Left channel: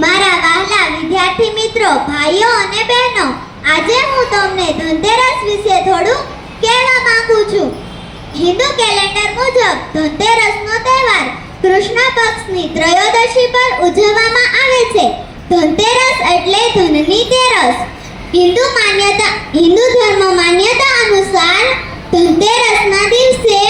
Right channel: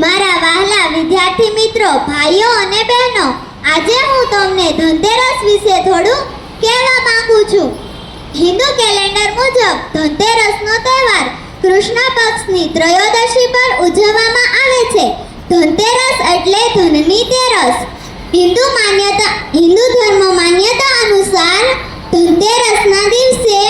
મારા વહાલા વિદ્યાર્થી મિત્રો, ભાઈઓ અને બહેનો, આજે હું તમને ધનતેરસ વિશે થોડું કહેવા માંગુ છું. હિન્દુ કેલેન્ડર મુજબ ધનતેરસનો તહેવાર કૃષ્ણ પક્ષની ત્રયોદશી પર ઉજવવામાં આવે છે. ધનતેરસ એટલે ધનની તેરસ. હિન્દુ ધર્મ માન્યતા અનુસાર ધનતેરસના દિવસે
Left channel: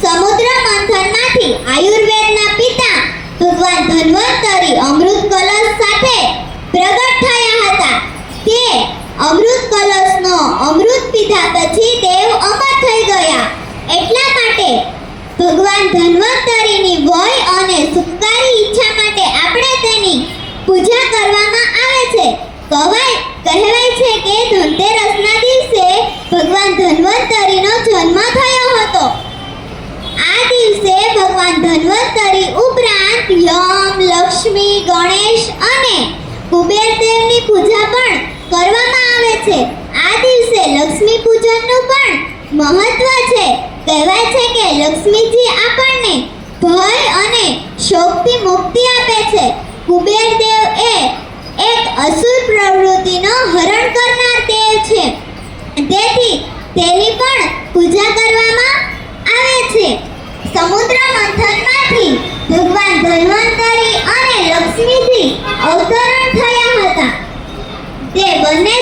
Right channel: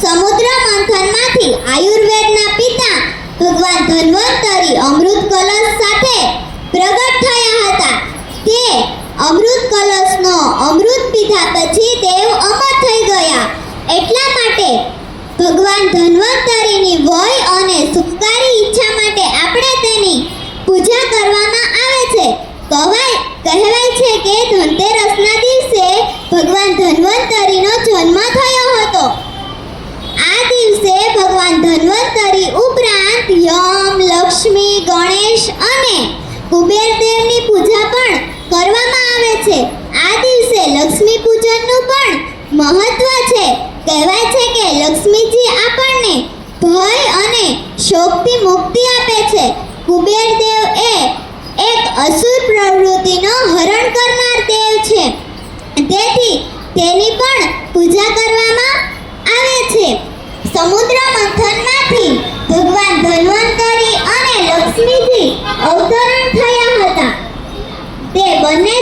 સમુદ્ર મંથનમાંથી આયુર્વેદના પિતા ભગવાન ધન્વંતરી અમૃત કલશ સાથે પ્રગટ થયા હતા. તે અમૃત કલશનો અમૃત પીધા પછી તેઓ અમર થઈ ગયા. એટલા માટે ભગવાન ધન્વંતરીની વય અને સુખકારી ઈચ્છા માટે આપણે તેની પૂજા કરવામાં આવે છે. કહેવાય છે કે ધનતેરસના દિવસે ભગવાન ધન્વંતરીનો જન્મ થયો હતો. આ દિવસે ભગવાન ધન્વંતરી ઉપરાંત યમ, લક્ષ્મી, ગણેશ અને કુબેરદેવની પૂજા પણ કરવામાં આવે છે. આ દિવસે લક્ષ્મી પૂજનનું પણ મહત્વ છે. કહેવાય છે કે લક્ષ્મીજી આપણને ભય અને શોકથી મુક્તિ આપે છે. કુબેરદેવ એ એક અસુર પ્રવૃત્તિનો હરણ કરનાર દેવ છે. તેથી તેની પણ પૂજા કરવામાં આવે છે. સમુદ્ર મંથનમાંથી ભગવાન ધન્વંતરી અને લક્ષ્મીજી અવતરણ થયા હતા. તે બંને